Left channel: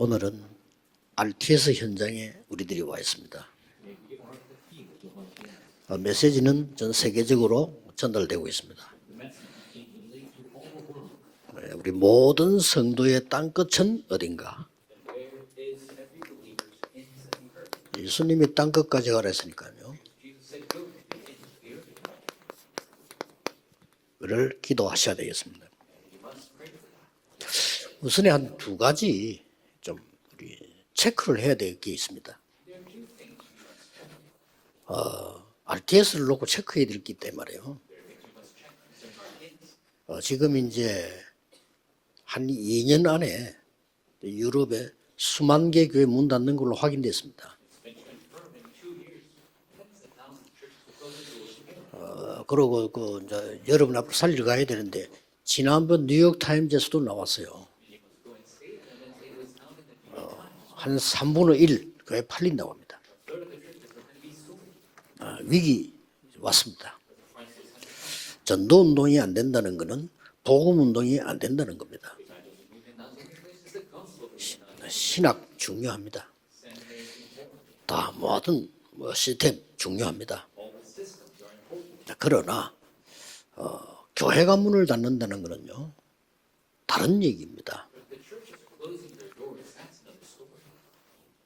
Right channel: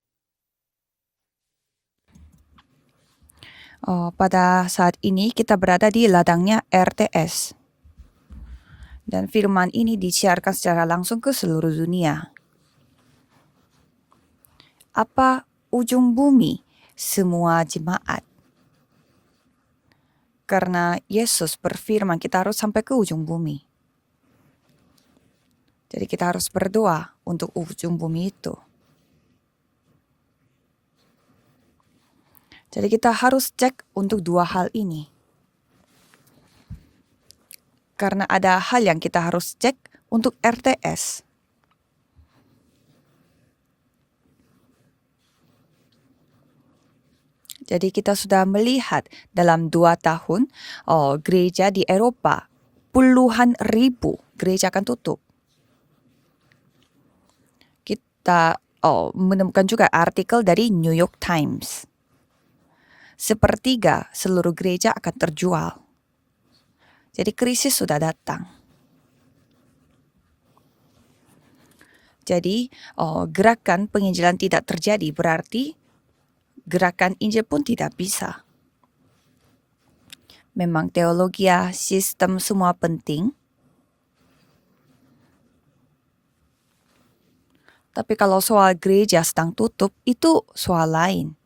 오늘은 RTS 현장에 우리들이 와 있습니다. Pada saat ini kita berada di ladangnya 메시지는 전 RTS 세계적으로 전달되고 있습니다. dan firman ini disiarkan secara langsung ke seluruh 우리 dunia. 모든 성도의 땅끝은 어딘가? Apa ujung bumi? Semua jemaat. 예수님이 땅끝까지 가라 했으니까요. Karena Yesus berfirman kita harus sampai ke ujung bumi. 를 기도하셔야 되겠습니다. Jadi kita harus berdoa untuk ujung bumi 우선에 itu. 한 두 가지 좀 우리 체크를 해야 될 게 있습니다. Jadi kita harus cek untuk dua hal ini. RTS를 놓고 체크해야 될 게 있단 말이에요. Karena ada hal yang kita harus cek untuk 지금 이제 RTS. 한 2년 안에 유럽에 수만 개 교회 문 닫는 걸로 확인됐습니다. Jadi kita sudah melihat dalam 2 tahun gereja di Eropa 그리고 puluhan 여러분 ribu 앞으로 살리러 gereja 가야 akan 되는데 tutup. 지난번 뉴욕 타임즈에서도 나왔어요. Kita menemukan juga artikel dari New 한 York 3분의 1 Times. 교회 팔린다고 합니다. Sepertiga seluruh gereja akan terjual. 위기 왔습니다. Jadi krisis sudah datang. 전도 운동이 안 된다는 것은 복음 운동이 안 된다는 겁니다. Jadi gerakan penginjilan tidak terjadi 신학 berarti 중요합니다. gerakan Injil pun tidak 다 bisa. 모든 시스템 중요합니다. Memang teologi, sistem 그러나 semua penting. 교회가 문을 닫는다는 것은요 다른 얘기입니다. Tapi kalau soal gereja sedang tutup itu soal lain.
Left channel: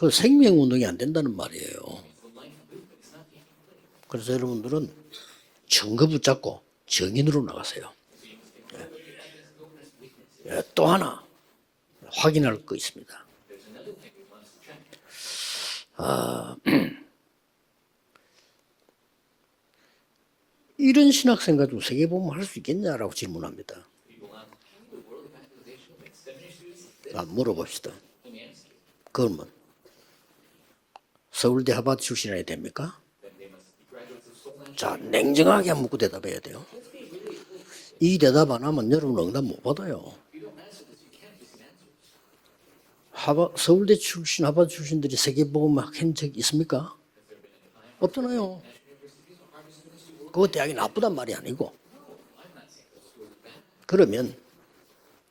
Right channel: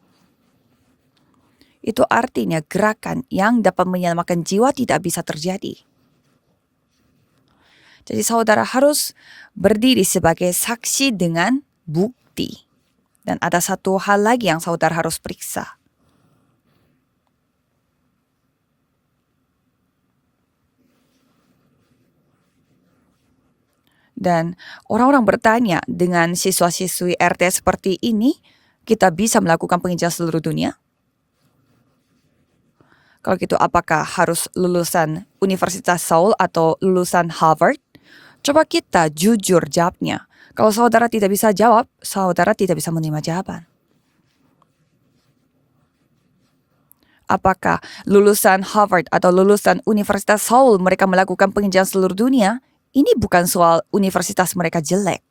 그 생명 운동이 안 된다는 말이에요. Itu artinya gerakan yang dapat menyelamatkan jiwa tidak bisa terjadi. 증거 붙잡고 증인으로 나가세요. Jadi saudara harus berdiri sebagai saksi dengan bukti. 확인할 거 있습니다. Dan ada satu hal lagi yang saudara harus periksa. 이런 신학생 가지고 세계복음 할 수 있겠냐라고 질문합니다. Dan orang-orang bertanya, dengan siswa-siswi RTS seperti ini, kita bisa melakukan penginjilan seluruh dunia? 서울대 하버드 출신이어야 됩니까? Kalau gitu apakah harus lulusan 냉정하게 Universitas 한번 Seoul 대답해야 atau lulusan Harvard? 이 대답 Coba 안 하면 kita 여러분 jujur 농담 못 jawabnya. Kalau saudara tidak bisa jawab, saudara tidak bisa menerima jawaban. 서울대 출신 하버드 출신들이 세계복음 한적 있습니까? Apakah lulusan Harvard atau lulusan Universitas Seoul mereka melakukan penginjilan seluruh dunia? Ini bukan soal universitas mereka jelek.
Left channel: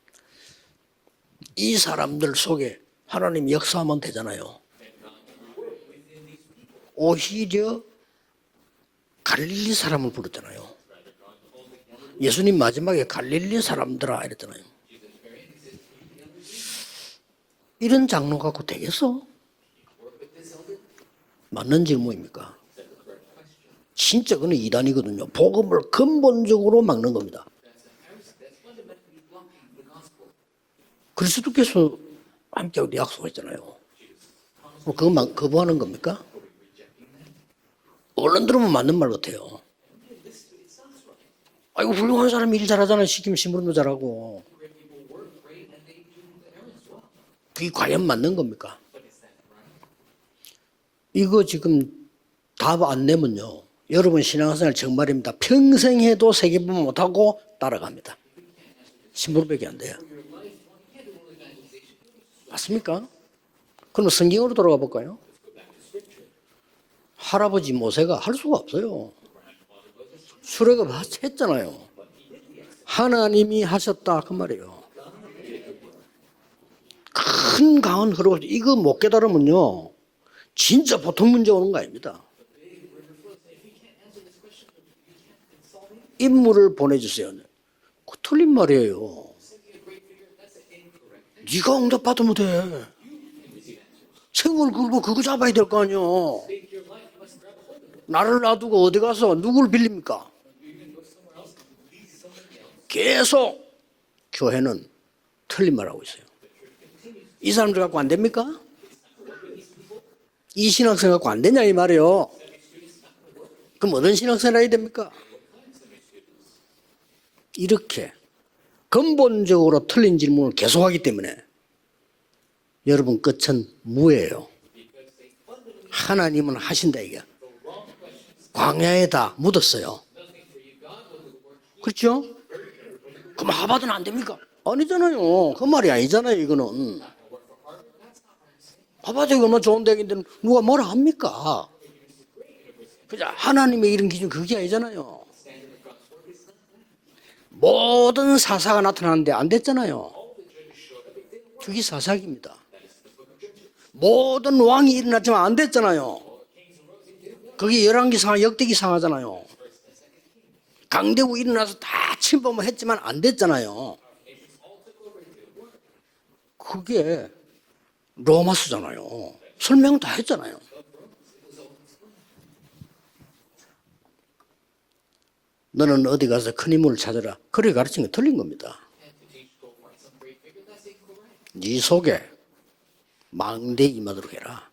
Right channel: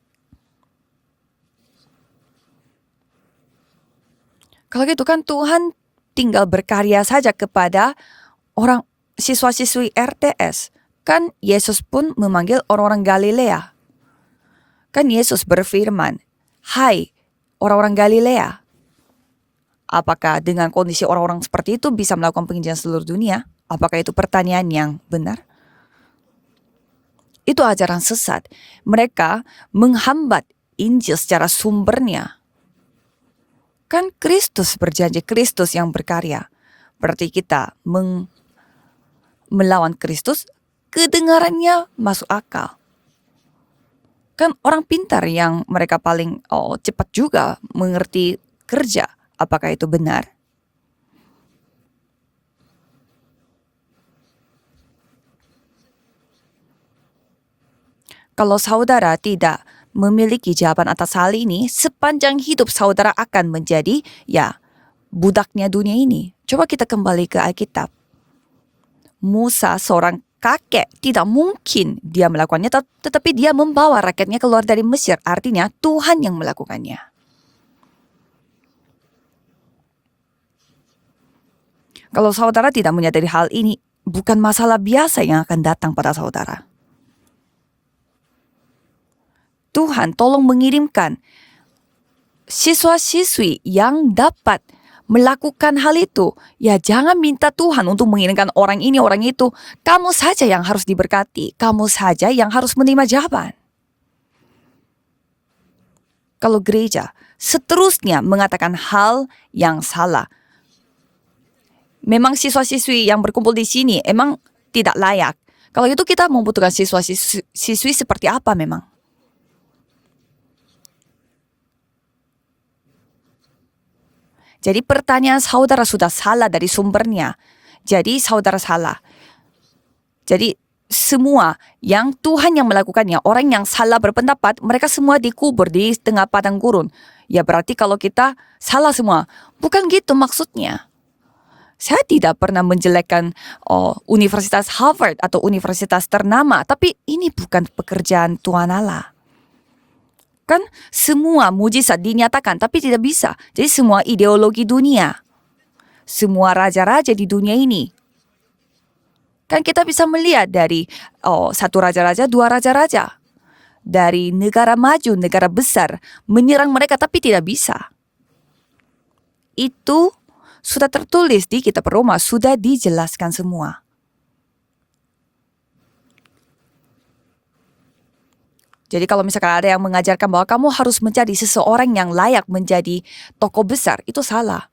이 사람들 속에 하나님 역사하면 되잖아요. Kalau gitu kan Tuhan tinggal berkarya saja kepada orang siswa-siswi RTS. Kan Yesus pun memanggil orang-orang Galilea. 사람들아 이랬잖아요. Kan Yesus berfirman, "Hai orang-orang 이런 장면 Galilea, 갖고 되겠어? apakah dengan kondisi orang-orang seperti itu bisa melakukan penginjilan seluruh dunia?" Apakah itu pertanyaan yang benar? 복음을 근본적으로 막는 겁니다. Itu ajaran sesat. Mereka menghambat Injil secara sumbernya. 함께 우리 약속했잖아요. Kan Kristus berjanji, Kristus yang berkarya. Berarti kita 얼른 들으면 맞는 말 같아요. melawan Kristus, kedengarannya 아이고 masuk 훌륭한 사람이 일 akal. 잘하잖아. 시키면 심부름도 잘하고. Kan orang pintar yang mereka paling cepat juga 그게 과연 mengerti 맞는 겁니까? kerja. Apakah itu benar? 이거 지금 답 안 내면요. 여러분 신앙생활 정말입니다. 평생 해도 세계보험 못하고 따라갑니다. Kalau saudara tidak 안 돼요. memiliki jawaban atas hal ini, sepanjang hidup saudara akan menjadi 그럼 성경으로 돌아가 볼까요? budaknya dunia ini. Coba kita kembali ke 할아버지 Alkitab. 모세가 할 수가 없어요. Musa seorang kakek Sudah tidak 했잖아요. mungkin dia melakukannya, tetapi dia 하나님이 membawa 하셨다, rakyatnya 그 keluar 말이에요. dari Mesir. Artinya Tuhan yang melakukannya. 큰 강은 흐르고 이거 못 깨달으면요. 진짜 보통 문제 오는 거 아닙니다. Kalau saudara tidak menyadari hal ini, bukan masalah biasa yang akan datang pada saudara. 인물을 보내주세요. 그 틀린 말이에요. Tuhan tolong mengirimkan 네가 응답받으면 돼. siswa-siswi yang dapat 책을 긁고 그거 melakukan 잡아야 될 hal 거 itu. 아니에요. Ya jangan minta Tuhan untuk mengirimkan 말을 orang 놔두고 ini, 어디 orang 와서 itu. 누굴 빌립니까? Kamu saja yang harus diberkati. Kamu saja yang harus menerima jawaban. 계속 교회는 틀린 말하고 있어요. Kalau gereja 이 사람 seterusnya 갖고 안 됩니까? mengatakan hal yang salah. 이 신학생 갖고 안 되냐 이 말이에요. Memang siswa-siswi yang berkumpul di sini Kemudian emang silakan saya tidak layak. Kalau itu kita membutuhkan siswa-siswi 이렇게. seperti apa memang? 근본적으로 틀린 질문을 계속하기 때문에 여러분 끝은 무예요. Jadi pertanyaan saudara sudah 하나님은 salah dari 하신 sumbernya. Jadi saudara salah. 광야에다 묻었어요. Jadi semua yang Tuhan yang melakukannya, orang yang salah berpendapat, mereka semua dikubur di tengah padang gurun. Ya berarti kalau kita salah semua. Bukan gitu maksudnya. 뭐라 합니까? Saya tidak pernah menjelekkan Universitas Harvard atau universitas ternama, tapi ini bukan pekerjaan 모든 Tuhan 사사가 Allah. 나타나는데 안 됐잖아요. kan semua mujizat dinyatakan, tapi tidak bisa. Jadi semua 모든 ideologi 왕이 dunia, 일어났지만 안 됐잖아요. semua raja-raja di dunia 그게 ini, 열왕기상 역대기상하잖아요. kan kita bisa melihat dari 강대국이 satu 일어나서 raja-raja, 다 dua 침범을 raja-raja, 했지만 안 됐잖아요. dari negara maju, negara besar, menyerang mereka 그게 tapi tidak bisa. 로마수잖아요. Itu 설명 다 했잖아요. sudah tertulis di kitab Roma, sudah dijelaskan semua. 너는 어디 가서 큰 인물을 찾아라. 그렇게 가르친 게 틀린 겁니다. Jadi kalau misalkan ada yang mengajarkan bahwa kamu harus mencari seseorang yang layak menjadi tokoh besar, itu salah.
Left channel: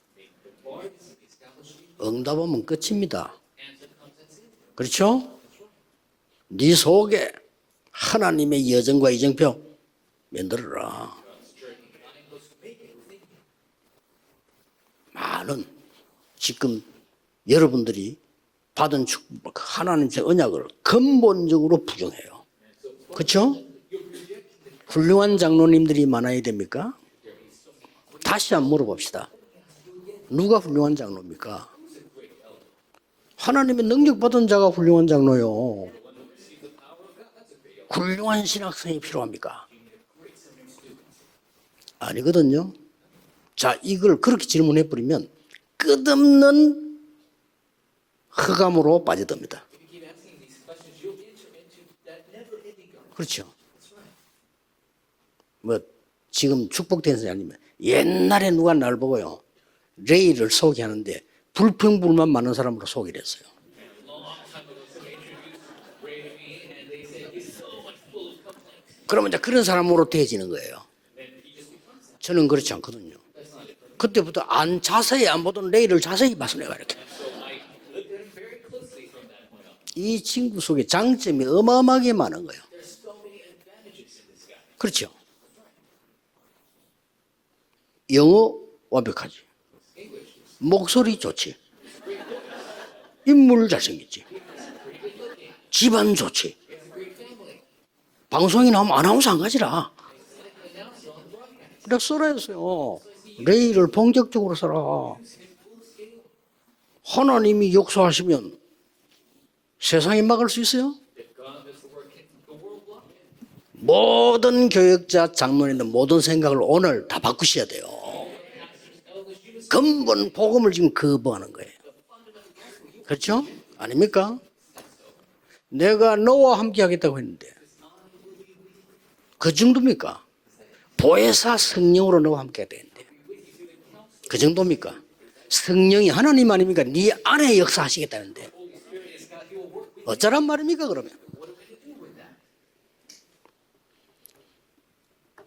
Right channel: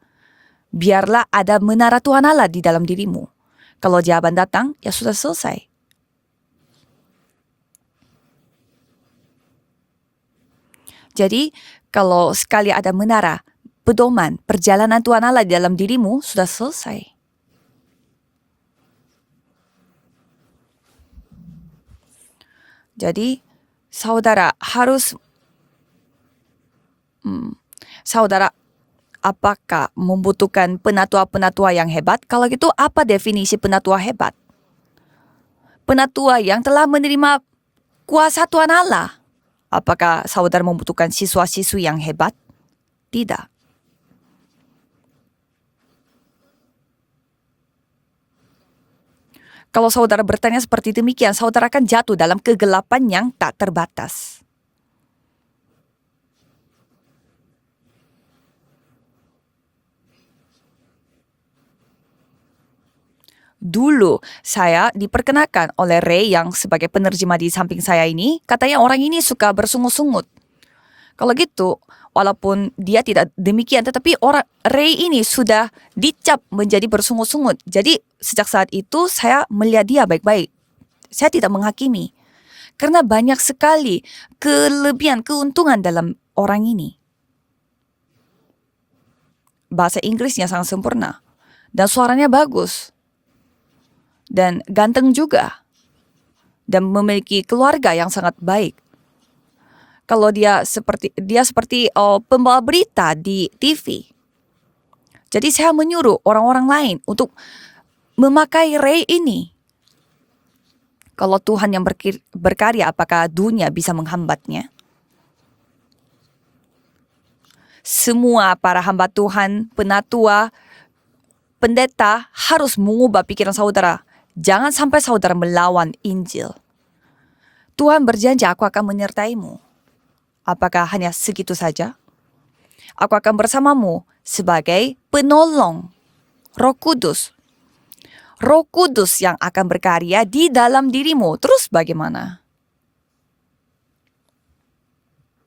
Biarlah ada menara Tuhan Allah di dalam dirimu. Kalau jawaban datang, ya sudah selesai. 네 속에 하나님의 여정과 이정표 만들어라. Jadi kalau sekali ada menara, pedoman, perjalanan Tuhan Allah di dalam dirimu, sudah selesai. 여러분들이 받은 축복, 하나님의 언약을 근본적으로 부정해요. Jadi 그렇죠? saudara harus, 훌륭한 장로님들이 많아야 됩니까? saudara 다시 한번 물어봅시다. apakah membutuhkan penatua-penatua yang hebat? Kalau gitu apa definisi 하나님의 penatua 능력 hebat? 받은 자가 훌륭한 장로요. Penatua yang telah menerima kuasa Tuhan Allah. 필요합니까? Apakah saudara membutuhkan siswa-siswi yang hebat? 아니거든요. Tidak. 자, 이걸 그렇게 질문해 버리면 끝없는 흑암으로 빠져듭니다. Kalau saudara bertanya seperti demikian, saudara akan jatuh dalam kegelapan yang tak terbatas. 뭐 지금 축복된 사람이면 옛날에 누가 날 보고요. 레이를 소개하는데 불평불만 많은 사람으로 소개를 했어요. Dulu saya diperkenalkan oleh Ray yang sebagai penerjemah di samping saya ini, katanya orang ini 그러면 suka 그런 사람으로 bersungut-sungut. 되어지는 거예요. Kalau gitu, walaupun dia tidak demikian, tetapi orang Ray ini sudah dicap menjadi bersungut-sungut. Jadi sejak saat itu saya melihat dia 이 baik-baik. 친구 속에 Saya 장점이 tidak menghakimi. 어마어마하게 많은 거예요. Karena banyak sekali kelebihan, keuntungan dalam orang ini. 영어 완벽하지. Bahasa Inggrisnya sangat sempurna. 목소리 좋지. Dan suaranya bagus. 인물 잘생겼지. Dan ganteng juga. 집안 좋지. Dan memiliki keluarga yang sangat 방송에 baik. 나오면 아나운서 안 가지라. Kalau dia seperti pembawa berita di 레이를 TV. 본격적으로 써라. Jadi saya menyuruh orang-orang lain untuk 하나님이 역사하시면 memakai Ray ini. 세상이 막을 수 있어요? Kalau Tuhan yang berkarya, apakah dunia bisa 모든 menghambatnya? 교역자, 장로님들 모든 생각을 오늘 다 바꾸셔야 돼요. Semua para hamba Tuhan, 근본 penatua, 복음을 지금 거부하는 거예요. pendeta harus mengubah 그렇죠? pikiran saudara. 아닙니까? Jangan sampai saudara melawan 내가 Injil. 너와 함께 하겠다고 했는데 Tuhan berjanji, aku akan menyertaimu. 그 정도입니까? Apakah hanya segitu 보혜사 saja? 성령으로 너와 함께 해야 돼. Aku akan bersamamu 그 sebagai 정도입니까? penolong. 성령이 하나님 아니니까 네 Kudus. 안에 역사하시겠다는데. Roh Kudus yang akan berkarya Ajaran di mana dalam itu? dirimu. Terus bagaimana?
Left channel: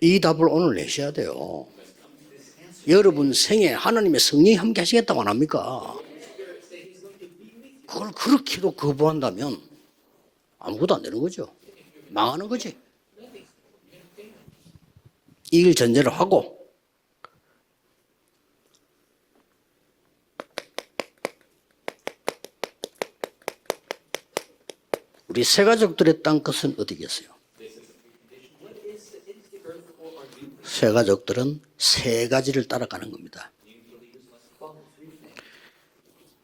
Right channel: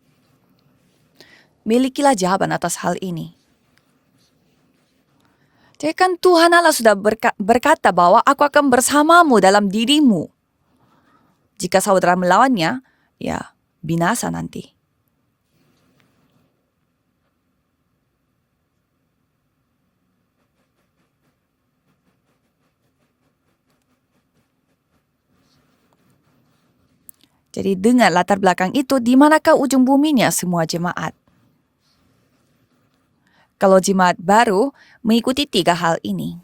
이 답을 오늘 내셔야 돼요. Milikilah jawaban atas hal ini. 여러분 생에 하나님의 성령이 함께 하시겠다고 안 합니까? Jadi kan Tuhan Allah sudah berkata bahwa aku akan bersamamu dalam dirimu. 아무것도 안 되는 거죠. Jika saudara melawannya, ya binasa nanti. 이길 전제를 하고 우리 세 가족들의 땅 끝은 어디겠어요? Jadi dengan latar belakang itu, di manakah ujung buminya semua 세 jemaat? 가족들은 세 가지를 따라가는 겁니다. Kalau jemaat baru mengikuti 3 hal ini.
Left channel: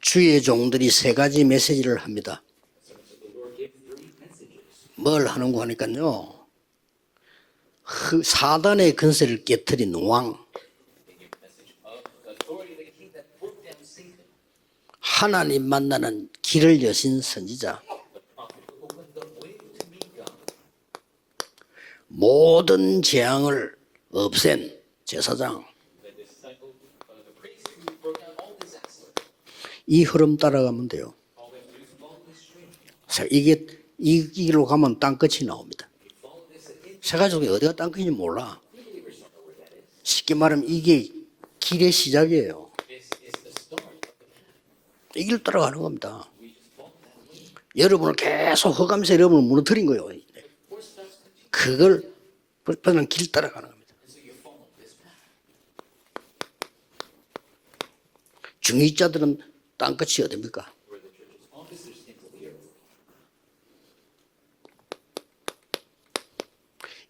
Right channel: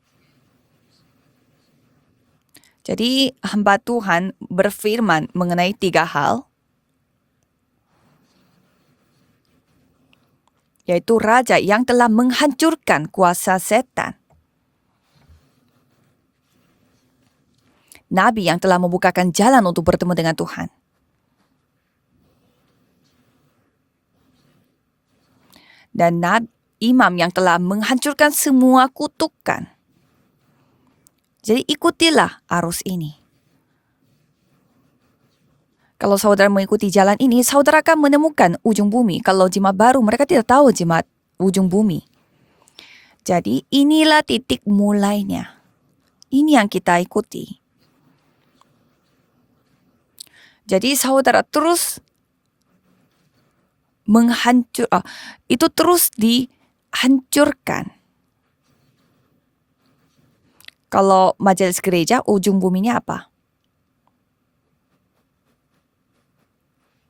주의 종들이 세 가지 메시지를 합니다. Jadi hamba Tuhan berfirman 하는 mengenai 3 거니까요. hal, 사단의 근세를 깨뜨린 왕, yaitu raja yang telah menghancurkan kuasa setan, 하나님 만나는 길을 여신 선지자, nabi yang telah membukakan jalan untuk bertemu dengan Tuhan, 모든 재앙을 없앤 제사장. dan imam yang telah menghancurkan semua kutukan. 이 흐름 따라가면 돼요. Jadi ikutilah arus ini. 자, 이게 이 길로 가면 땅 끝이 나옵니다. Kalau saudara mengikuti jalan ini, saudara akan menemukan ujung bumi. Kalau jemaat baru, mereka 쉽게 tidak tahu 말하면 jemaat ujung 길의 bumi. 시작이에요. Jadi inilah titik 이 길 mulainya. 따라가는 겁니다. Ini yang kita ikuti. 여러분을 계속 허감세 여러분을 무너뜨린 거예요. Jadi saudara terus 그걸 길 따라가는 겁니다. itu terus dihancurkan. 중위자들은 땅 끝이 어딥니까? Kalau majelis gereja, ujung buminya apa?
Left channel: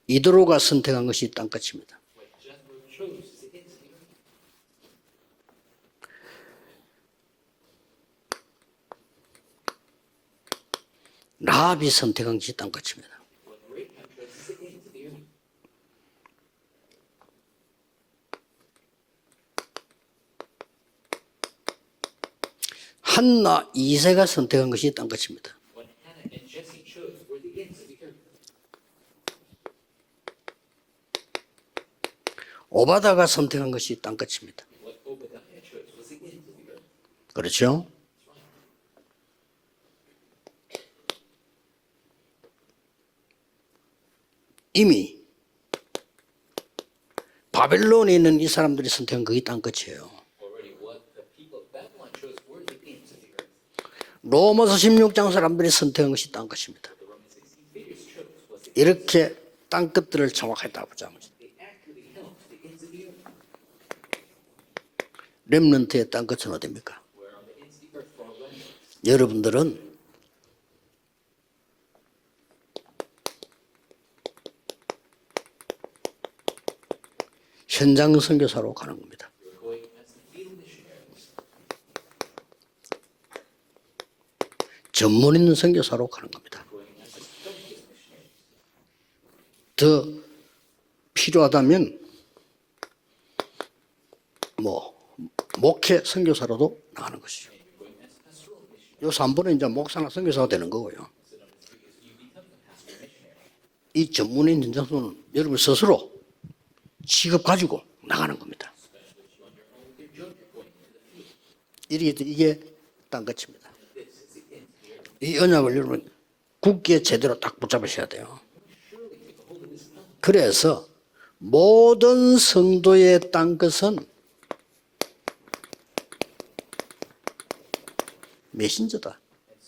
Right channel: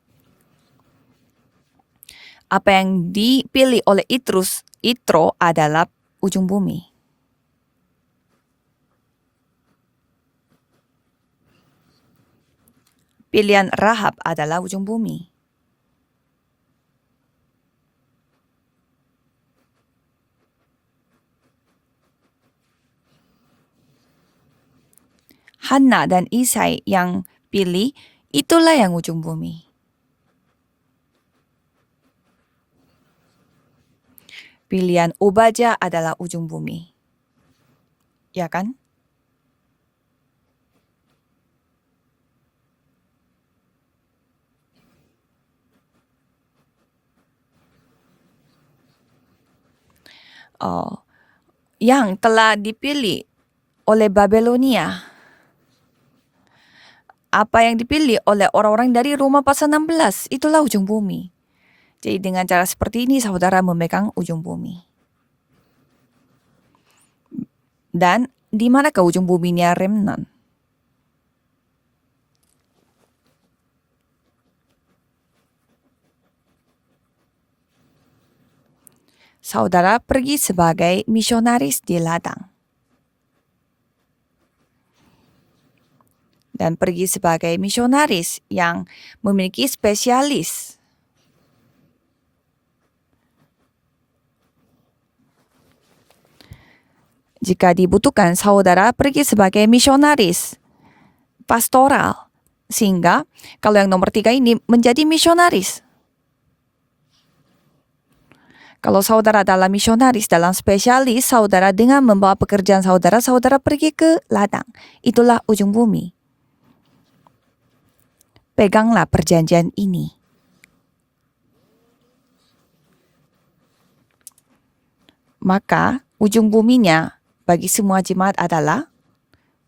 이드로가 선택한 것이 땅 끝입니다. Apa yang dipilih oleh Itro adalah ujung bumi. 라합이 선택한 것이 땅끝입니다. Pilihan Rahab adalah ujung bumi. 한나 이세가 선택한 것이 땅끝입니다. Hana dan Isai yang pilih, itulah yang ujung bumi. 오바다가 선택한 것이 땅끝입니다. Pilihan Obadya adalah ujung bumi. 그렇죠? Ya kan? 이미 바벨론에 있는 이 사람들이 선택한 그게 땅끝이에요. Yang telah dipilih oleh 로마서 Babelonia. 16장 사람들이 선택한 것이 땅끝입니다. Apa yang dipilih oleh orang-orang dari I렇게 Roma pasal 16, 땅끝들을 itulah 정확히 ujung 잡자. bumi. Jadi dengan cara seperti ini saudara memegang ujung bumi. 렘넌트의 땅끝은 어디입니까? Dan di manakah ujung 여러분들은 buminya remnant? 현장 선교사로 가는 겁니다. Saudara pergi sebagai misionaris di ladang 전문 있는 선교사로 가는 겁니다. dan pergi sebagai misionaris yang memiliki spesialis. 필요하다면 뭐 목회 선교사로도 나가는 것이죠. Jika dibutuhkan, saudara pergi sebagai misionaris 되는 거고요. pastoral. Sehingga kalau yang nomor 3 ini menjadi misionaris. 스스로 직업 가지고 나가는 겁니다. Kalau saudara adalah misionaris dalam spesialis, saudara dengan membawa pekerjaan saudara, saudara pergi ke ladang. Itulah ujung bumi. 굳게 제대로 딱 붙잡으셔야 돼요. Peganglah perjanjian ini. 그래서 모든 성도의 땅끝은 Maka ujung buminya bagi semua jemaat adalah 메신저다.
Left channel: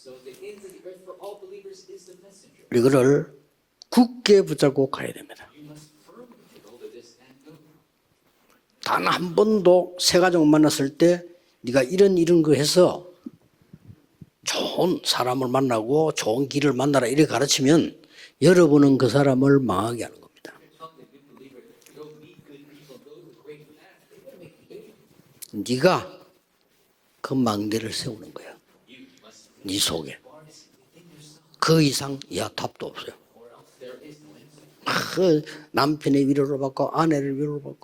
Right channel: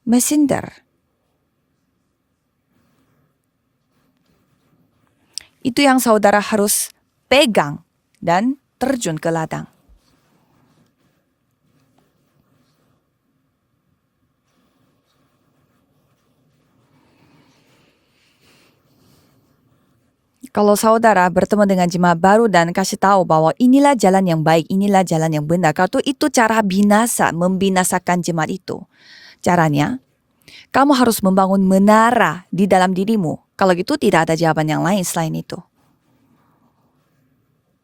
messenger. 이거를 굳게 붙잡고 가야 됩니다. Itu yang saudara harus pegang dan 단 terjun ke 한 ladang. 번도 새 가족 만났을 때 네가 이런 거 해서 좋은 사람을 만나고 좋은 길을 만나라 이렇게 가르치면 여러분은 그 사람을 망하게 하는 겁니다. Kalau saudara bertemu dengan jemaat baru dan kasih tahu bahwa inilah jalan yang baik, inilah jalan yang benar, kalau itu cara binasa, membinasakan jemaat itu. Caranya, 속에 kamu harus membangun menara di dalam dirimu. Kalau gitu tidak ada jawaban yang lain selain itu. 남편의 위로를 받고 아내를 위로를 받고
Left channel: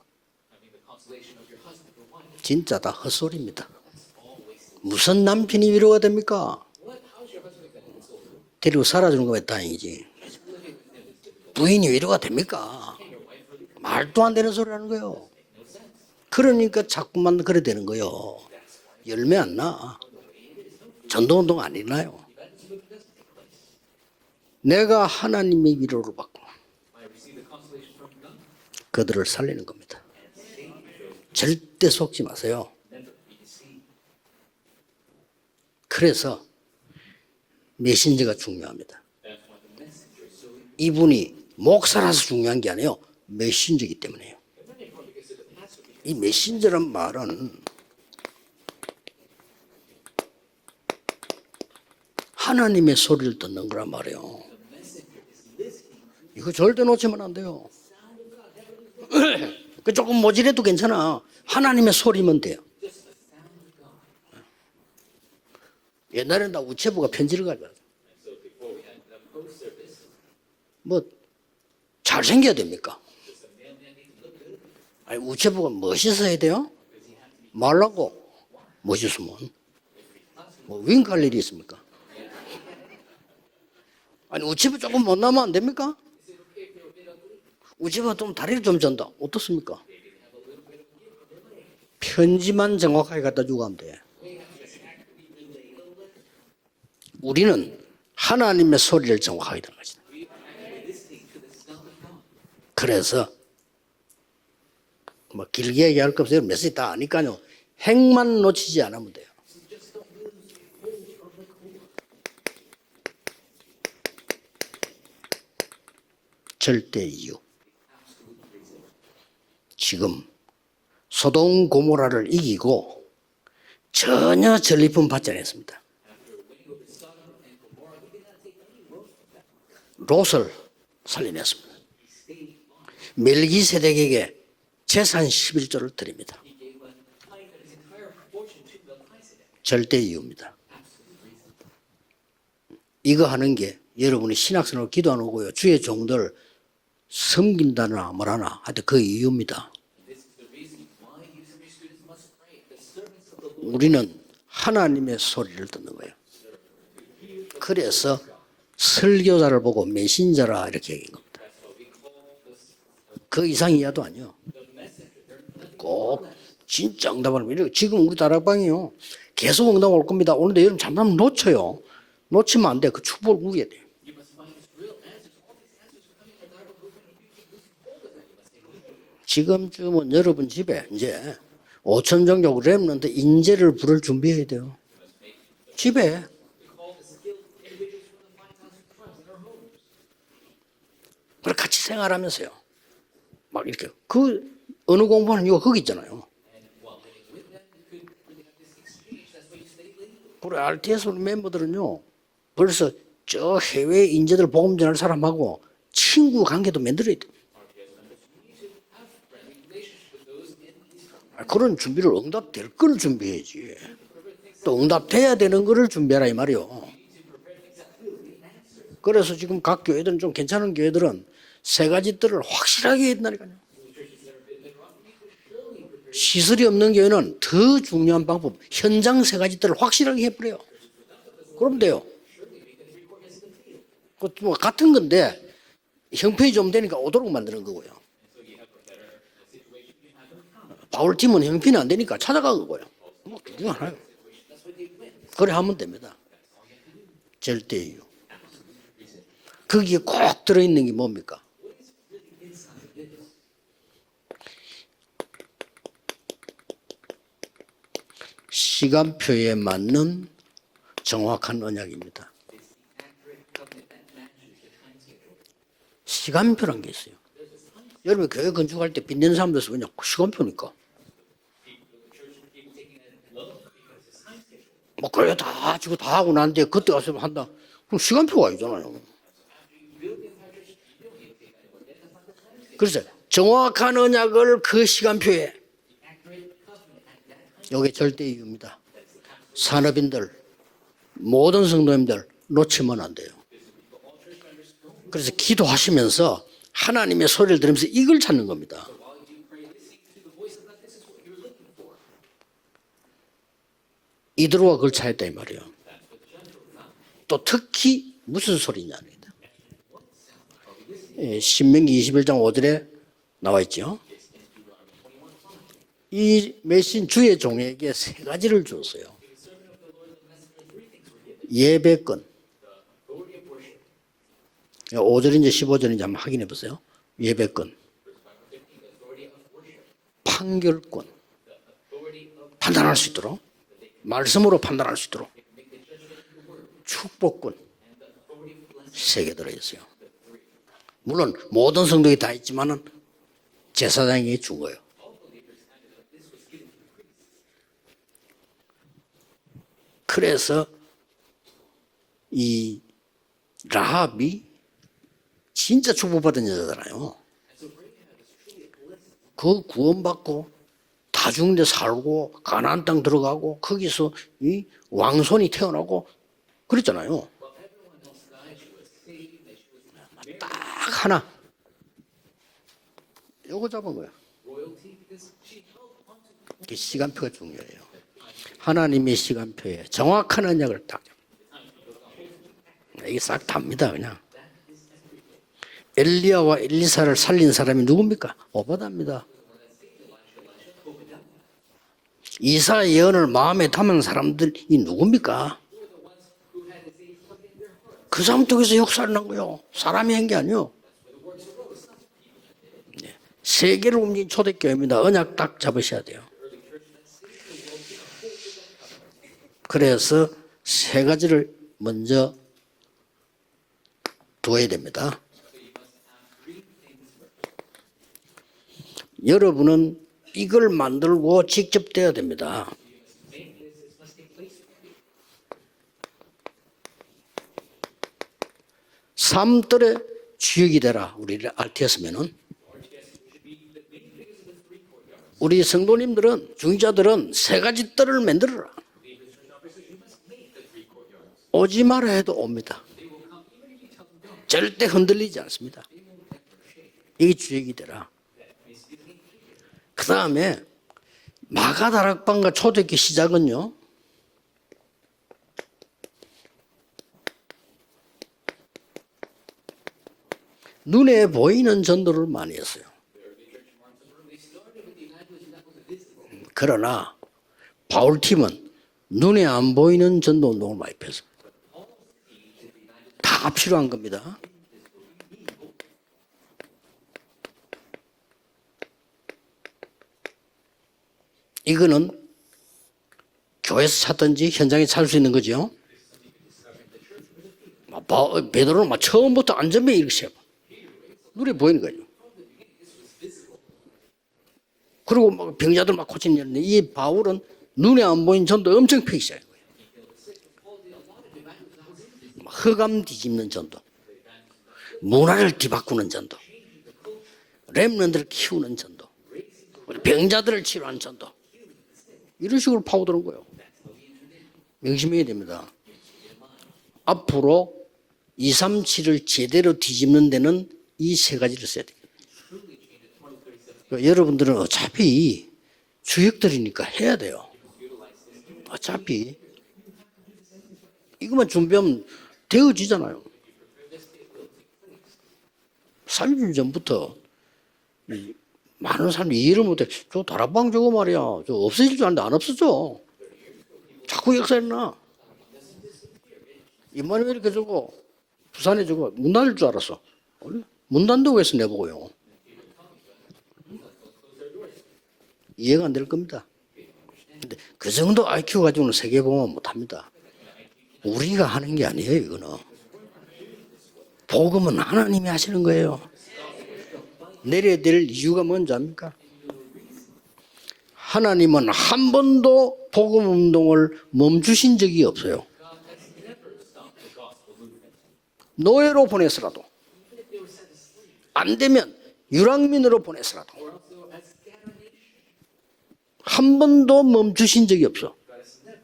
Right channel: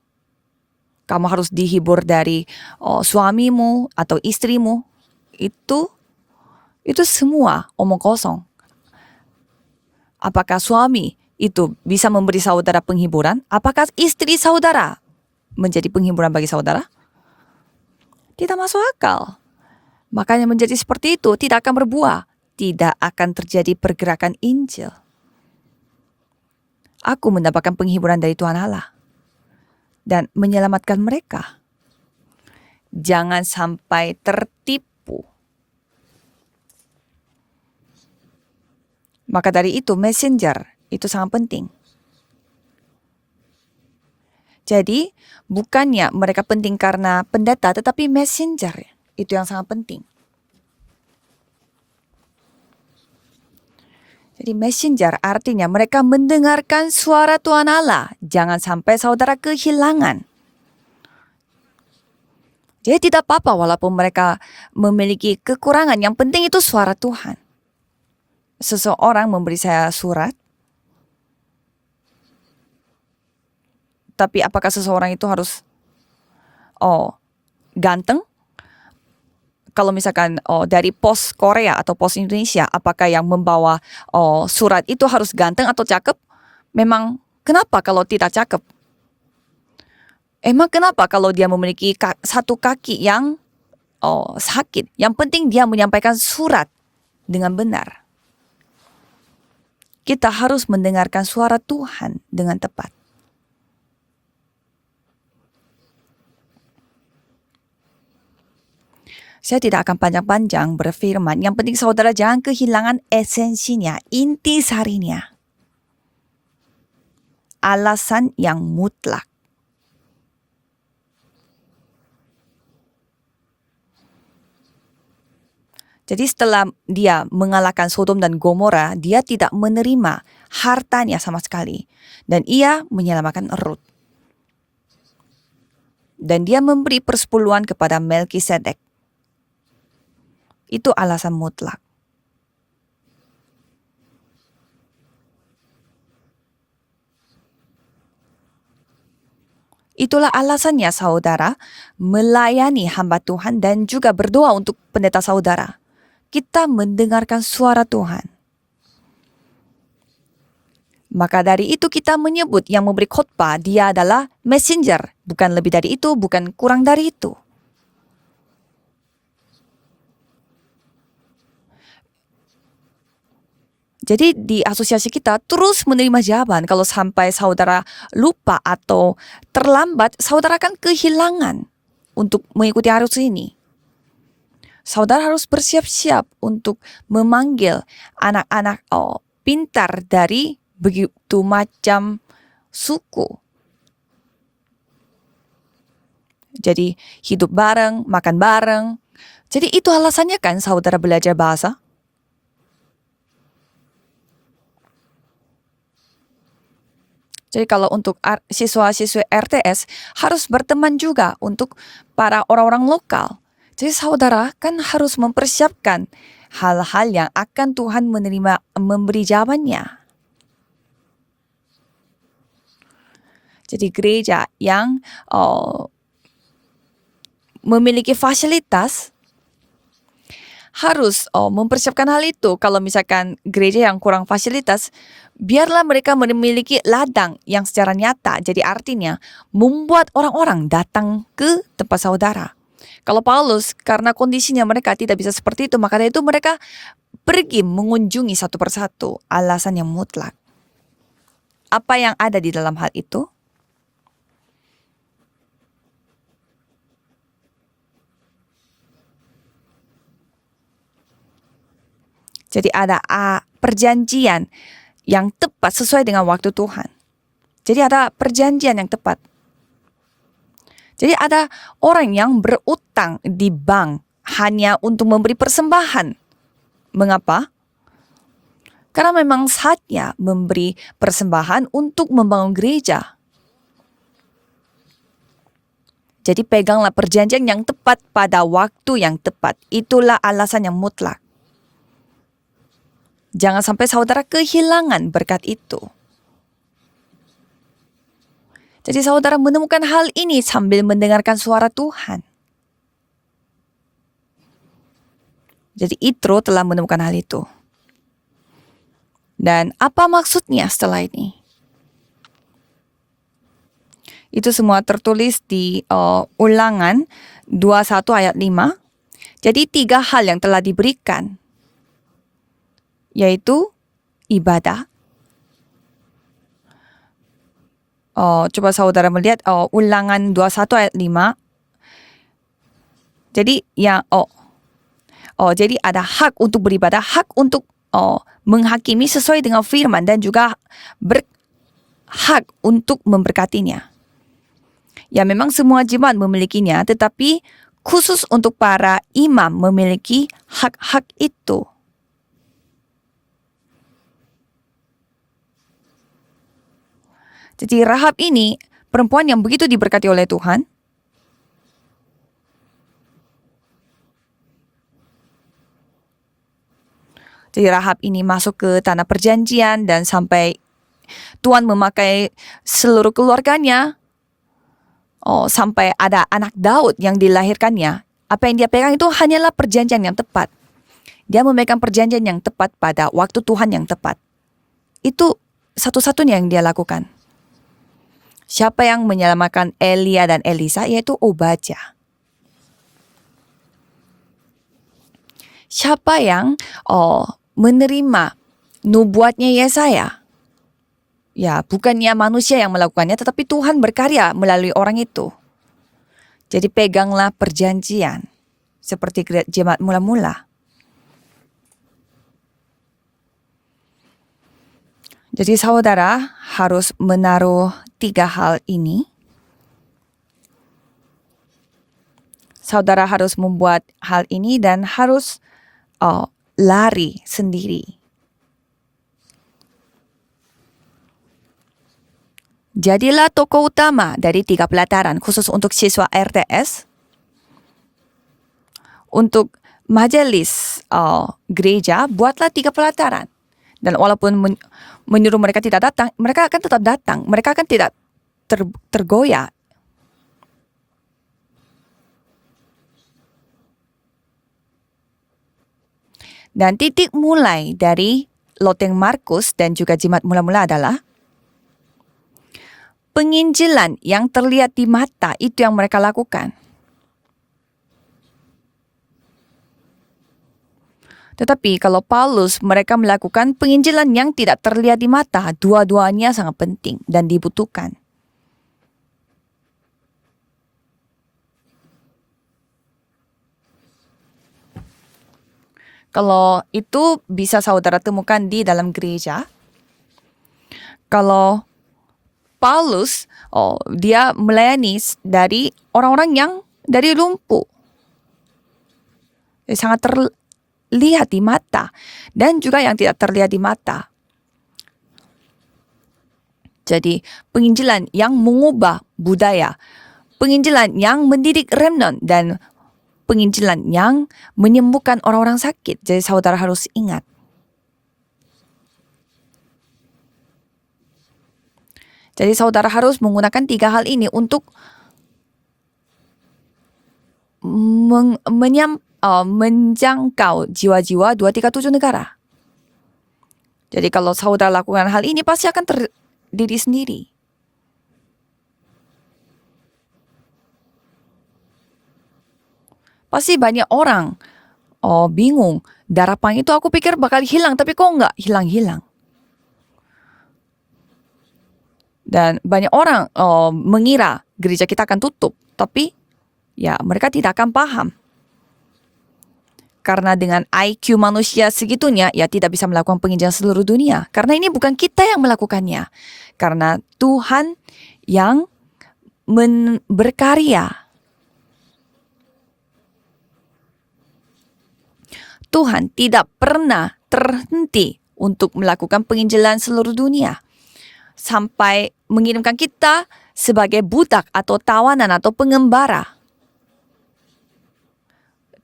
Kamu harus dihibur dari 진짜 다 suamimu atau istrimu. 무슨 남편이 itu- 위로가 됩니까? Itu semua omong kosong. 데리고 살아주는 거면 다행이지. Apakah suami itu 부인이 bisa 위로가 memberi 됩니까? saudara penghiburan? Apakah 말도 안 istri 되는 saudara 소리인 거예요. menjadi penghiburan bagi saudara? 그러니까 자꾸만 그래 되는 거요. Tidak masuk akal. 얼마 안 나. Makanya menjadi seperti itu 전도운동 tidak akan 아닌가요? berbuah. Tidak akan terjadi pergerakan injil. 내가 하나님의 위로를 받고 Aku mendapatkan penghiburan dari Tuhan Allah 그들을 살리는 겁니다. dan menyelamatkan mereka. 절대 속지 마세요. Jangan sampai tertipu. 그래서 메신저가 중요합니다. Maka dari itu messenger itu 이분이 sangat penting. 목사라서 중요한 게 아니에요. 메신저이기 때문에요. Jadi bukannya Ini mereka messenger penting karena 말은- pendeta, tetapi messenger itu yang sangat penting. 하나님의 소리를 듣는 거란 말이에요. Jadi messenger artinya mereka mendengarkan 절대 놓치면 suara 안 돼요. Tuhan Allah. Jangan sampai saudara 조금 kehilangan. 모질해도 괜찮아. 하나님의 소리면 돼요. Jadi tidak apa-apa walaupun mereka memiliki kekurangan. Yang penting itu suara 제보가 Tuhan. 편지를 가져. Seseorang memberi saya surat, 뭐 잘생겨야 됩니까? tapi apakah seseorang itu harus 제보가 멋있어야 돼요? 말라고 ganteng? 멋있으면 Kalau misalkan dari Mungkin pos kali dia- Korea atau pos Indonesia, apakah yang membawa surat 조금 itu harus 만나면 안 ganteng atau 됩니까? cakep? Memang kenapa kalau 우지가 tidak 좀 cakep? 다리를 좀 전다. 어떻습니까? Emang kenapa kalau dia memiliki satu 편지만 kaki 정확하게 yang 갖다 주고 하면 돼. sakit? Yang penting dia menyampaikan surat dengan 우리는 benar. 하나님의 소리를 정확하게 듣는 거지. Kita harus mendengarkan suara Tuhan dengan tepat. 그래서 뭐 길게 얘기할 거 없어요. 메시지 다 아니까요. 핵만 놓치지 않으면 돼요. Saya tidak akan panjang-panjang berfirman. Yang penting saudara jangan kehilangan esensinya, intisarinya, 절대 이유. alasan yang mutlak. 지금 소돔 고모라를 이기고 전혀 전리품 받지 않았습니다. Jadi setelah dia mengalahkan Sodom dan Gomora, dia tidak menerima Bosel. hartanya sama sekali. Dan ia menyelamatkan Lot. 멜기세덱에게 재산 11조를 드립니다. Dan dia memberi persepuluhan kepada Melkisedek. 절대 이유입니다. Itu alasan mutlak. 이거 하는 게 여러분이 신학생으로 기도 안 오고요. 주의 종들 섬긴다나 뭐라나 하여튼 그 이유입니다. Itulah alasannya saudara melayani hamba Tuhan dan 우리는 juga berdoa untuk 하나님의 pendeta 소리를 saudara. 듣는 거예요. Kita mendengarkan suara 그래서 Tuhan. 설교자를 보고 메신저라 이렇게 얘기해요. Maka dari itu kita menyebut yang memberi khotbah 그 dia 이상이라도 adalah messenger. Bukan lebih dari itu, bukan kurang dari 진짜 itu. 응답하면 지금 우리 다락방이요. 계속 응답 올 겁니다. 오는데 여러분 잠깐만 놓쳐요. 놓치면 안 돼. 그 축복을 누려야 돼요. Jadi di asosiasi kita terus menerima jawaban. Kalau sampai saudara lupa atau 지금 terlambat, 여러분 saudara 집에 akan kehilangan 5천 untuk 정도 mengikuti arus ini. 인재를 부를 준비해야 돼요. Saudara harus bersiap-siap untuk memanggil anak-anak pintar dari begitu 같이 macam 생활하면서요. suku. 막 이렇게 그 언어 공부하는 이유가 거기 있잖아요. Jadi hidup bareng, makan bareng. Jadi itu alasannya kan saudara belajar bahasa. 벌써 저 해외 인재들 복음 전할 사람하고 친구 관계도 만들어야 돼요. Jadi kalau untuk siswa-siswa RTS harus berteman juga untuk 그런 준비를 para orang-orang 그런 lokal. 준비해야지. Jadi saudara kan harus 응답해야 되는 거를 mempersiapkan 준비하라 이 말이에요. hal-hal yang akan Tuhan memberi 그래서 지금 각 jawabannya. 교회들은 좀 괜찮은 교회들은 세 가지 뜰을 확실하게 했다니까요. Jadi gereja yang 시설이 없는 교회는 더 memiliki 중요한 방법, fasilitas 현장 세 가지 뜰을 확실하게 해버려요. harus mempersiapkan hal itu. Kalau misalkan gereja yang kurang fasilitas, 같은 건데 biarlah mereka 형편이 좀 memiliki 되니까 ladang 오도록 yang 만들고. secara nyata. Jadi artinya membuat orang-orang datang 바울팀은 ke 형편이 안 tempat 되니까 saudara. 찾아간 거예요. Kalau Paulus karena kondisinya mereka tidak bisa seperti itu, maka dari itu mereka pergi 절대. mengunjungi satu persatu. Alasan 거기에 yang mutlak. 꼭 들어있는 게 뭡니까? Apa yang ada di dalam hal itu? 시간표에 맞는 정확한 언약입니다. Jadi ada perjanjian yang tepat sesuai dengan waktu 시간표라는 Tuhan. 게 있어요. Jadi ada 여러분, perjanjian yang 때 tepat. 빚는 사람들 그냥 시간표니까. Jadi ada orang yang berutang di bank hanya untuk memberi persembahan. 다 하고 난 뒤에 그때 가서 Mengapa? 한다. 그럼 시간표가 있잖아요. Karena memang saatnya memberi persembahan untuk membangun 그래서 gereja. 정확한 언약을 그 시간표에 Jadi peganglah perjanjian yang tepat 절대 pada 이깁니다. waktu yang tepat. 산업인들. Itulah alasan yang mutlak. 모든 성도님들 놓치면 안 돼요. Jangan sampai saudara kehilangan 그래서 berkat itu. 기도하시면서 하나님의 소리를 들으면서 이걸 찾는 겁니다. Jadi saudara menemukan hal ini sambil mendengarkan suara Tuhan. 이드로가 그걸 찾았다 이 말이에요. Jadi Itro telah menemukan hal 또 itu. 특히 무슨 소리냐. Dan apa maksudnya setelah ini? 신명기 21장 5절에 나와 있죠. Itu semua tertulis di 이 ulangan 메신 주의 종에게 21 ayat 세 가지를 5. 주었어요. Jadi 3 hal yang telah diberikan, 예배권. yaitu ibadah. 5절인지 15절인지 한번 확인해 보세요. 예배권. Coba saudara melihat ulangan 21 ayat 5. 판단할 수 있도록. Jadi yang 말씀으로 판단할 수 있도록. jadi ada hak untuk beribadah, hak untuk menghakimi sesuai dengan firman dan juga 물론 모든 성도에게 다 hak 있지만 untuk memberkatinya. 제사장에게 준 거예요. Ya memang semua jemaat memilikinya, tetapi khusus untuk para imam memiliki 그래서 hak-hak itu. 이 라합이 진짜 축복받은 여자잖아요. Jadi Rahab ini perempuan yang begitu diberkati oleh Tuhan. 다중데 살고 가나안 땅 들어가고 거기서 이 왕손이 태어나고 그랬잖아요. Jadi Rahab ini masuk ke tanah perjanjian dan sampai 딱 하나 Tuhan memakai seluruh keluarganya sampai ada anak Daud yang dilahirkannya. Apa yang dia pegang itu hanyalah perjanjian yang tepat. 정확한 언약을 딱. Dia memegang perjanjian yang tepat pada waktu Tuhan yang tepat. Itu satu-satunya yang dia 엘리야와 lakukan. 엘리사를 살린 사람이 누굽니까? Siapa yang 오바댜입니다. menyelamatkan Elia dan Elisa yaitu Obadya. 이사의 예언을 마음에 담은 사람들이 누굽니까? Siapa yang 그 menerima 사람 통해서 역사를 nubuatnya 하고요. Yesaya? 사람이 한 게 아니요. Ya, bukannya manusia yang melakukannya, tetapi Tuhan berkarya melalui orang itu. 언약 딱 잡으셔야 돼요. Jadi peganglah perjanjian seperti jemaat 그래서 mula-mula. 세 가지를 먼저 두어야 됩니다. Jadi saudara harus menaruh 3 hal ini. 여러분은 이걸 만들고 직접 돼야 됩니다. Saudara harus membuat hal ini dan harus lari sendiri. 삶들의 주역이 되라. 우리 RTS면은 Jadilah tokoh utama dari 3 pelataran khusus 우리 untuk siswa 성도님들은 RTS. 중자들은 세 가지 뜰을 만들어라. Untuk majelis gereja, 해도 buatlah 옵니다. 3 pelataran. Dan walaupun 절대 흔들리지 menyuruh mereka 않습니다. tidak datang, mereka akan tetap datang. Mereka akan tidak tergoyah. 그 다음에 마가다락방과 초대교회 시작은요. Dan titik mulai dari loteng Markus dan juga jimat mula-mula adalah 눈에 보이는 전도를 많이 했어요. penginjilan yang terlihat di mata, itu yang mereka lakukan. 그러나 바울팀은 눈에 안 보이는 전도 운동을 많이 폈어요. Tetapi kalau Paulus, mereka melakukan 다 필요한 penginjilan 겁니다. yang tidak terlihat di mata. Dua-duanya sangat penting dan dibutuhkan. 이거는 교회에서 찾든지 현장에 찾을 수 있는 거죠. Kalau itu bisa saudara temukan di dalam 베드로가 gereja. 처음부터 안전벨 이렇게 세워. Kalau 보이는 거죠. Paulus, dia melayani 그리고 dari 병자들 orang-orang yang 이 dari 바울은 lumpuh. 눈에 안 보이는 전도 엄청 펴기 시작해요. Sangat terlihat di mata. Dan juga yang tidak terlihat di mata. 문화를 뒤바꾸는 전도. Jadi penginjilan yang mengubah budaya. 병자들을 Penginjilan yang mendidik remnant. Dan 이런 식으로 파고드는 거예요. penginjilan yang menyembuhkan 열심히 orang-orang sakit. Jadi saudara harus ingat. 앞으로 237을 제대로 뒤집는 데는 이 세 가지를 써야 돼요. Jadi saudara harus menggunakan 3 hal ini 여러분들은 untuk 어차피 주역들이니까 해야 돼요. menjangkau jiwa-jiwa 237 negara. 되어지잖아요. Jadi kalau saudara lakukan hal ini pasti akan 30년 terjadi 전부터 sendiri. 많은 사람이 이해를 못해. 저 다락방 저거 말이야. 저 없어질 줄 알았는데 안 없어져. Pasti banyak orang 그 역사였나? bingung. Darapang itu aku pikir bakal hilang, tapi kok enggak hilang-hilang. 문 닫을 줄 알았어. 문 닫는다고 해서 내보고요. Dan banyak orang mengira gereja kita akan tutup. 이해가 안 될 Tapi 겁니다. ya mereka tidak akan 그 paham. 정도 IQ 가지고는 세계봉헌 못합니다. Karena dengan IQ 우리가 manusia 하는 게 segitunya, 아니에요. ya tidak bisa melakukan penginjilan seluruh dunia. Karena ini bukan 하나님이 kita yang 하시는 melakukannya. Karena Tuhan 내려야 될 이유는 yang 뭔지 압니까? berkarya. 하나님은 한 번도 복음 운동을 멈추신 적이 없어요. Tuhan tidak pernah terhenti untuk 노예로 melakukan 보냈어. penginjilan seluruh dunia. 안 되면 Sampai mengirimkan 유랑민으로 kita 보냈어. sebagai budak atau tawanan atau pengembara. 한 번도 멈추신 적이 없어.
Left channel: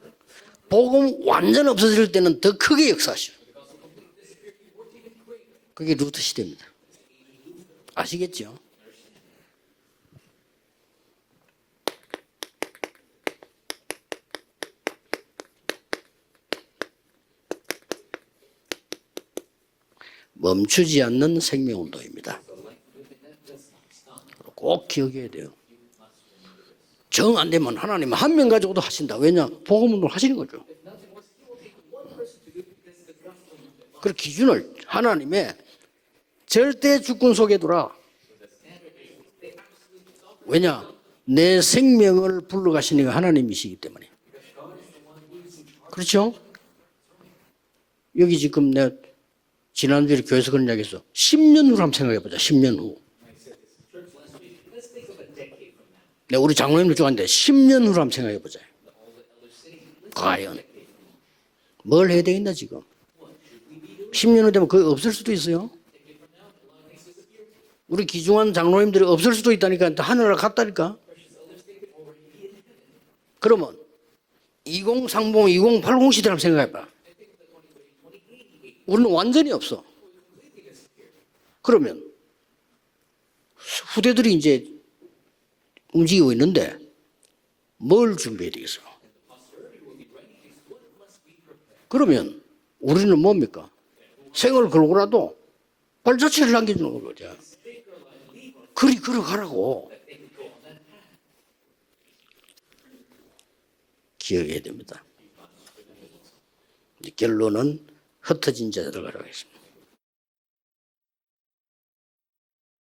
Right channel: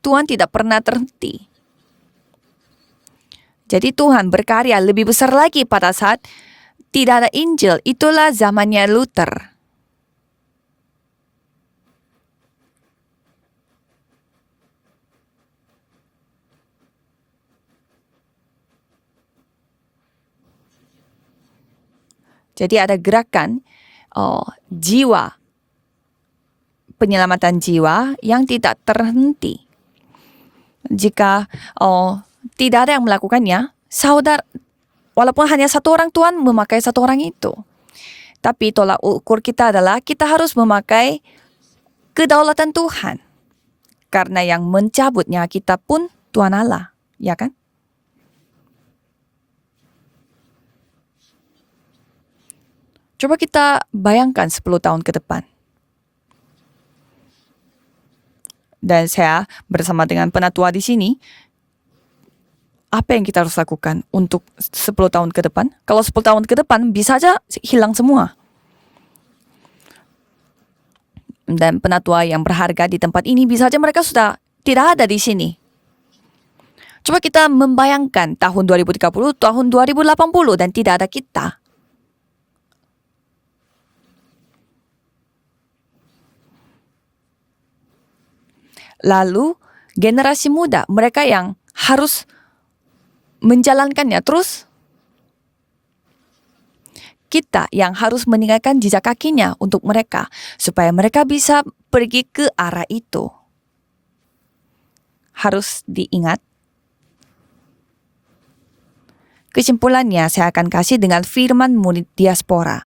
Tuhan tidak pernah 복음 terhenti. 완전 없어질 때는 더 크게 역사하셔. Jadi Tuhan berkarya lebih besar lagi pada 이게 saat 루터 시대입니다. tidak ada Injil. Itulah zamannya Luther. 멈추지 않는 생명운동입니다. Jadi ada gerakan 꼭 jiwa, 기억해야 돼요. penyelamatan 정 jiwa 아니면 하나님 yang 한 tidak 명이라도 하신다. 왜냐? terhenti. 복음 운동 하시는 거죠. Jika tidak ada yang melakukannya, saudara, 기준을 하나님의 walaupun hanya satu orang, Tuhan memakai 절대 satu orang 주권 itu. 속에 들어와. Tapi tolak ukur kita adalah kita harus 왜냐? memakai 내 생명을 kedaulatan 불러가시는 Tuhan. 하나님이시기 때문에. karena yang mencabutnya kita pun 그렇죠? Tuhan Allah, ya kan? 여기 지금 내가 지난주에 교회에서 그런 이야기 했어. 10년 후로 한번 생각해 보자. 10년 후. Coba kita bayangkan 10 tahun ke depan. 내가 우리 장로님들 좋아하는데 10년 후로 한번 생각해 보자. Dan saya bersama dengan penatua di sini, 뭘 해야 되겠나 지금? apa yang kita harus lakukan 10 untuk 년은 되면 거의 10 없을 tahun 수도 ke 있어요. depan? Kalau 10 tahun ke depan bisa aja hilang 우리 semua. 기중한 장로님들이 없을 수도 있다니까 하늘나라 갔다니까. Dan penatua yang berharga di tempat ini bisa aja mereka sudah tidak ada di 2030, sini. 2080 시대를 한번 생각해봐. Coba kita membayangkan tahun 2030, tahun 2080 dan tidak ada kita. 그러면 후대들이 이제 움직이고 있는데 뭘 준비해야 되겠어요? Lalu generasi muda, mereka yang harus 그러면 우리는 뭡니까? menjalankannya. Terus 세월 걸고라도 발자취를 남겨주는 거죠. kita yang harus meninggalkan jejak kakinya untuk mereka. Supaya mereka bisa pergi ke arah itu. 기억해야 됩니다. Harus diingat. 이제 결론은 흩어진 자들을 가라고 했습니다. Kesimpulannya saya akan kasih dengan firman murid diaspora.